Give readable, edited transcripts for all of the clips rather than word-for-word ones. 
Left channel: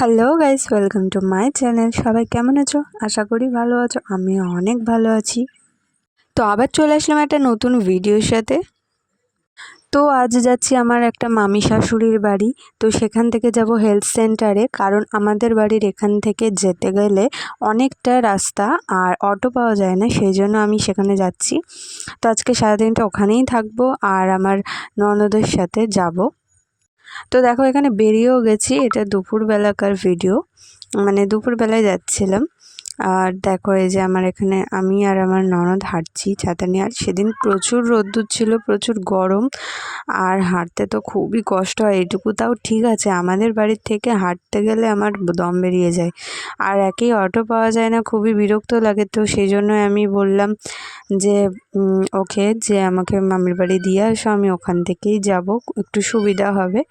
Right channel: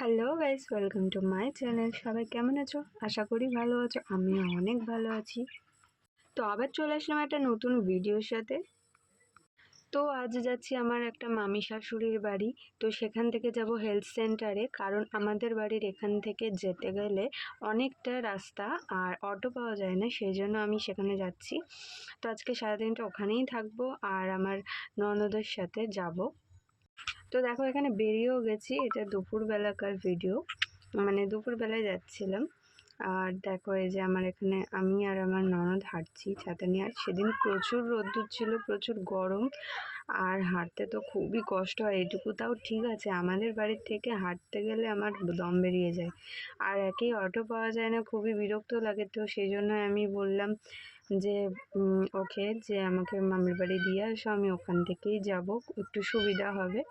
Hello guys, welcome to my channel. সবাই কেমন আছো? আশা করি ভালো আছো। আমিও অনেক ভালো আছি। তো আবার চলে আসলাম একটা নতুন ভিডিওর সাথে। তো আজ যাচ্ছি আমার একটা মামি শাশুড়ির বাড়ি। তো সেখান থেকে যাব হেলথ সেন্টারে, কারণ আমাদের বাড়ির এখান থেকে যেতে গেলে অনেকটা রাস্তা আর অটো পাওয়া যায় না, সেই জন্য আমি সেখানে যাচ্ছি। তো আজকে সারাদিনটা ওখানেই থাকবো আর আমার ননদের সাথে যাব। তো দেখো এখানে বেরিয়েও গেছি, এটা দুপুরবেলাকার ভিডিও, মানে দুপুরবেলায় যাচ্ছিলাম। আর দেখো এই যে আমার এখানে আমি আর আমার ননদ হাঁটছি ছাতা নিয়ে। আর সেদিন প্রচুর রোদ্দুর ছিল, প্রচুর গরম, আর হাঁটতে তো খুবই কষ্ট হয়। এইটুকু তাও ঠিক আছে, আমাদের বাড়ির থেকে হাঁটতে গেলে আমার দম বেরিয়ে যায়। আর একেই অটো পাওয়া যায় না, খুবই বিরক্ত লাগে। তো সেই জন্য আমি বললাম যে ওকে যে আমাকে মামির বাড়ি দিয়ে আসো, আমি ওখান থেকেই যাব, একটু সুবিধা হবে।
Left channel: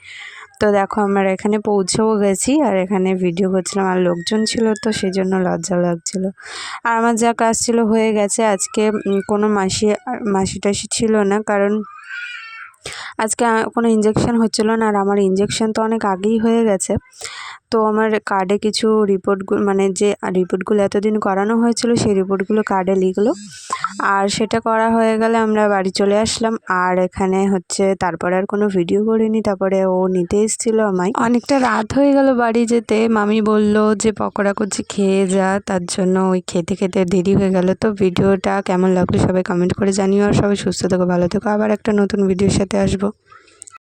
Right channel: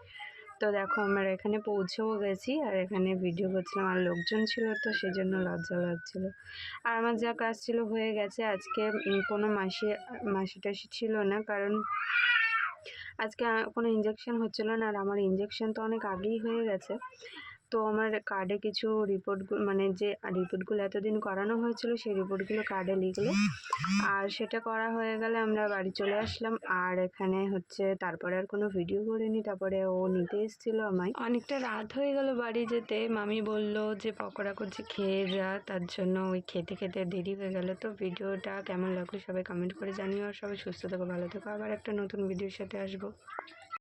তো দেখো আমরা এখানে পৌঁছেও গেছি, আর এখানে ভিডিও করছিলাম, আর লোকজন ছিল তো সেই জন্য লজ্জা লাগছিল। আর আমার যা কাজ ছিল হয়ে গেছে। আজকে কোনো মাসি টাসি ছিল না, কারণ আজকে কোনো ইঞ্জেকশন হচ্ছিল না। আর আমার ইঞ্জেকশন তো অনেক আগেই হয়ে গেছে। তো আমার কার্ডে কিছু রিপোর্টগুলো, মানে যে রিপোর্টগুলো এতদিন করানো হয়েছিল সেই রিপোর্টগুলো কার্ডে লিখলো। আর সেটা করা হয়ে গেলে আমরা বাড়ি চলে আসলাম। আর এখানে হচ্ছে তারপরে আর কোনো ভিডিও করিনি। তারপরে ও নিতে এসেছিলো আমায়, অনেকটা রাত হয়ে গেল বাড়ি যেতে। মামি বলল যে পকোড়া করছি খেয়ে যা, তার জন্য ওই খেতে খেতে দেরি হয়ে গেল। তো ভিডিওটা কেমন লাগলো সবাই কমেন্ট করে জানিও। আর সবাই সুস্থ থেকো, ভালো থেকো। আবার একটা নতুন ভিডিওর সাথে আসবো।